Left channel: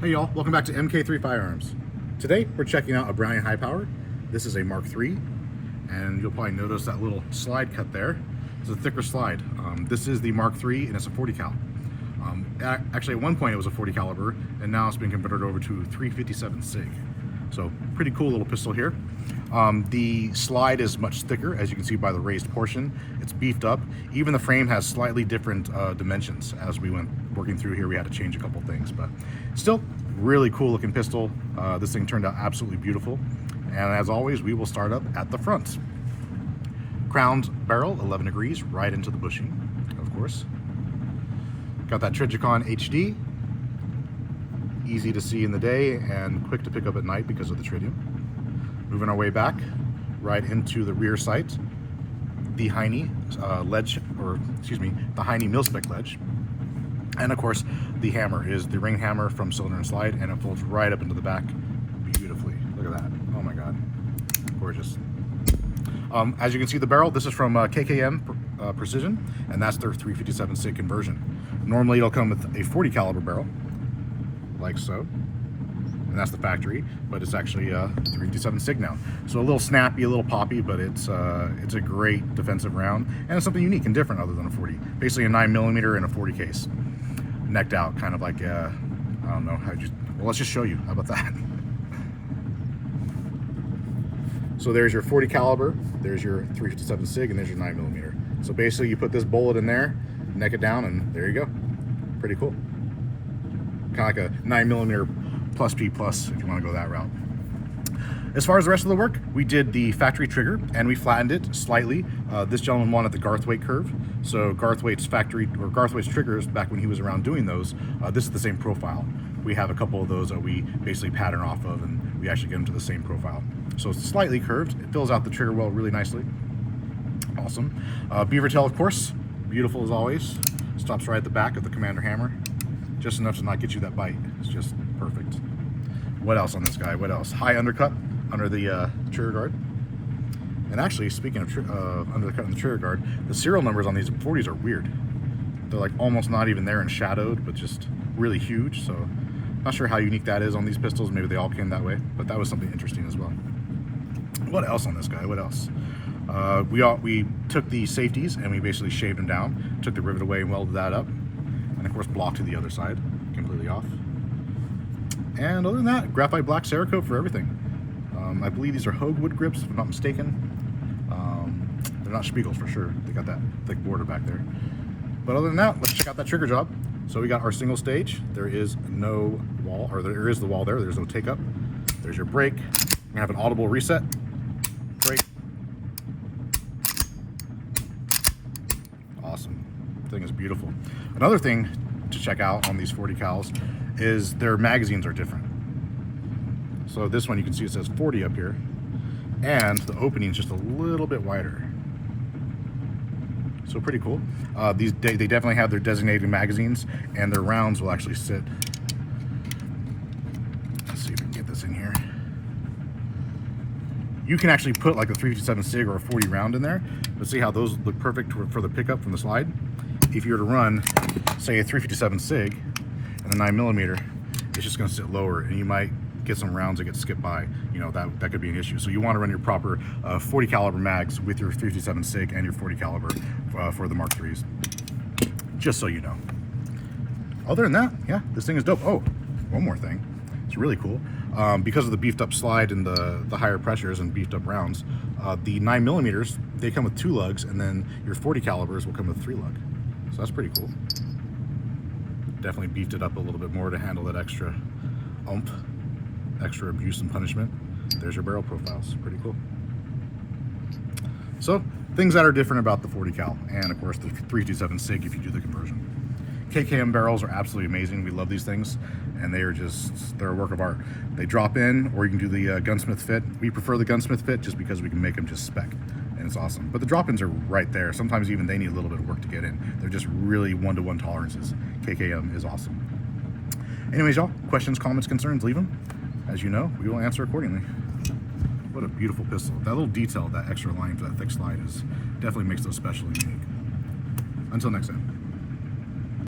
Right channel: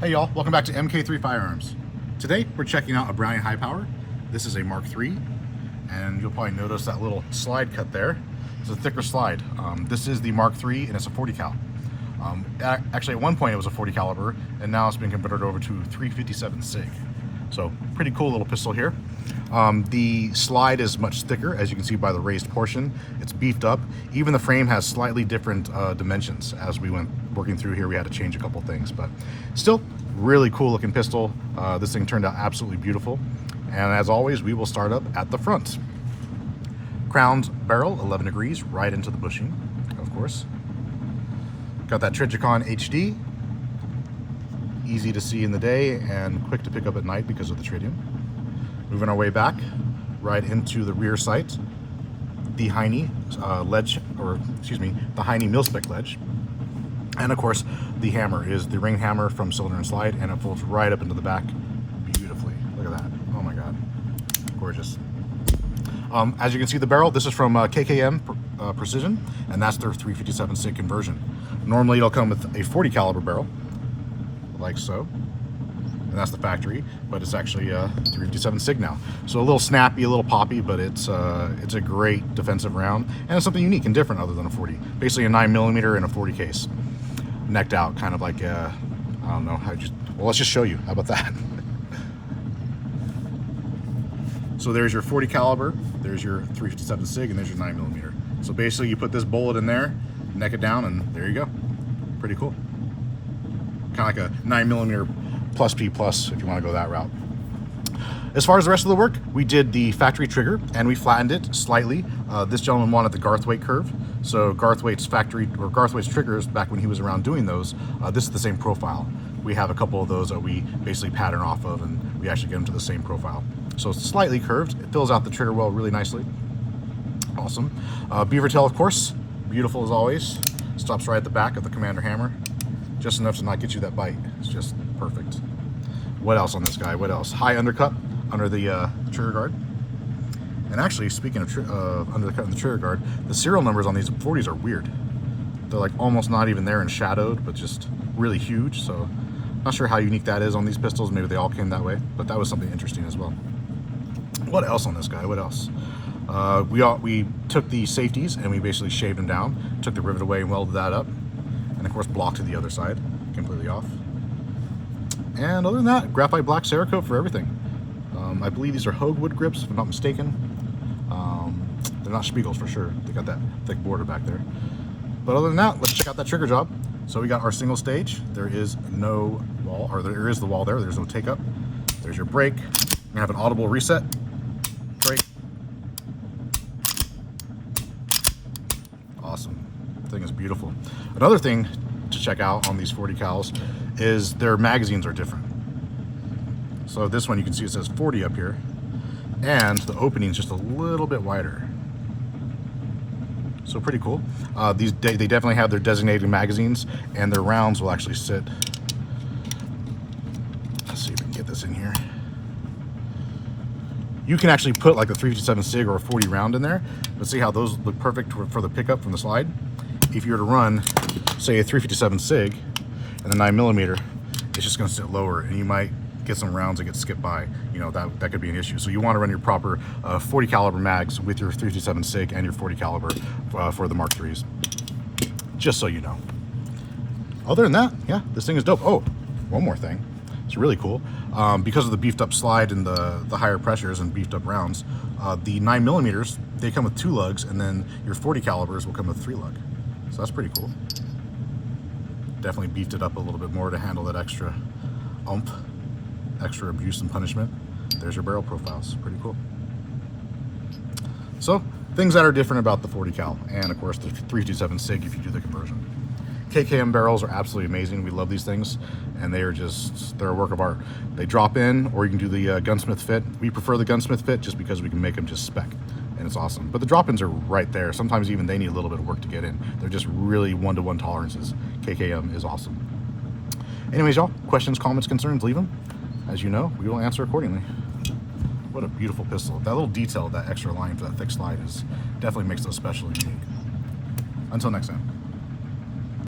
Hey y'all, welcome back to MK3 Firearms. Today we're checking out a Browning High Power. This is a Mark III, and you'll probably notice that little slide cut there. It's a thicker slide. This is the Mark III, and it's a 40 cal. Actually, at one point it was a 40 caliber, and now it's been converted over to 357 SIG. So pretty cool little pistol here. The slide is much thicker, as you can see by the raised portion. It's beefed up. Even the frame has slightly different dimensions. As we went working through here, we had to change a couple things, but still really cool looking pistol. This thing turned out absolutely beautiful. And as always, we will start up at the front. Crowned barrel, 11 degrees, right into the bushing, of course. Got that Trijicon HD. Easy to see in the day and quick to pick up at night because of the tritium. Moving our way back, right into the rear sight, the Heine ledge, or excuse me, the Heine mil-spec ledge. And of course, the hammer is the ring hammer from Cylinder and Slide, and it folds right up into the back beautifully. Look at that. Oh my God. Gorgeous. As you can see, the barrel, this is from KKM Precision, and that's their 357 SIG conversion. Normally, it'll come with a 40 caliber barrel, like so. And that's the factory, but it's actually a 357 SIG now. So a little snappy, a little poppy, but it's a great defensive round, and it's something unique and different other than a 40. Basically a 9mm and a 40 case, necked out, kind of like I don't know how. Well, let's just show you. How about that? So there's your 40 caliber, there's your 357 SIG, and there's your 9mm. So basically, you put this bullet in there, neck it down, and there you go. Pretty cool. Kind of like a 9mm plus P plus, if you want to go that route. As far as the rest of the work, we did the factory trigger and we flattened it slightly. This gentleman wanted the Garthwaite curve, so Garthwaite's triggers, back when he was around doing those, this is the same profile. We have a couple of those that we basically pattern off of, and we actually get them to the same profile. So it's slightly curved. It fills out the trigger well really nicely. Awesome. Beaver tail, of course, beautiful as always. Stops right at the back of the Commander hammer, just enough to not get you that bite. It's just perfect. What else on this guy? What else? High undercut under the trigger guard. And actually, speaking of undercut in the trigger guard, the serial numbers on these 40s are weird. They're like almost not even there and shadowed, but just really huge. So not sure how unique that is on these pistols. Maybe they all came that way, but that was something interesting as well. What else on this guy? What else? We took the safeties and we basically shaved them down, took the rivet away and welded that up, and of course blocked to the other side, completely off. And other than that, graphite black Cerakote for everything. I believe these are Hogewood grips, if I'm not mistaken. They're not Spiegels for sure. They got that thick border back there. But other than that, let's check out that trigger job. So we got our single stage. There is no wall, or there is the wall there. There's no take up. There's your brake. We have an audible reset. Brake. Awesome. The thing is beautiful. Another thing to check out on these 40 cals is their magazines are different. So this one, you can see it says 40 up here, and the opening's just a little bit wider. So pretty cool. They definitely have their designated magazines, and their rounds will actually sit. Let's see if we can get this in here. You can actually put like a 357 SIG or a 40 round in there. Let's see how those look perfect for the pickup from the slide. If you were to run, say, a 357 SIG and a 9mm, it's just going to sit lower, and you might get some rounds that get skipped by. You know, that could be an issue. So you want to run your proper 40 caliber mags with your 357 SIG and your 40 caliber for the Mark IIIs, just so you know. Other than that, yeah, this thing is dope. Oh, one more thing. It's really cool. Because of the beefed up slide and the higher pressures and beefed up rounds, the 9mm, they come with 2 lugs, and then your 40 calibers will come with 3 lug. So that's pretty cool. Definitely beefed it up a little bit more to handle that extra oomph, extra abuse and punishment. There's your barrel profiles. Pretty cool. So things that are different about the 40 cal, and of course the 327 SIG if you do the conversion. KKM barrels are absolutely amazing. We love these things, and they're a work of art. They drop in, or you can do the gunsmith fit. We prefer the gunsmith fit just because we can make them just spec, and it's awesome. But the drop-ins are right there. Sometimes even they need a little bit of work to get in. They're just really one-to-one tolerances. KKM is awesome. Anyways, y'all, questions, comments, concerns, leave them. As you know, we will answer accordingly. What a beautiful pistol. That little detail, that extra line for that thick slide, definitely makes those special and unique. Until next time.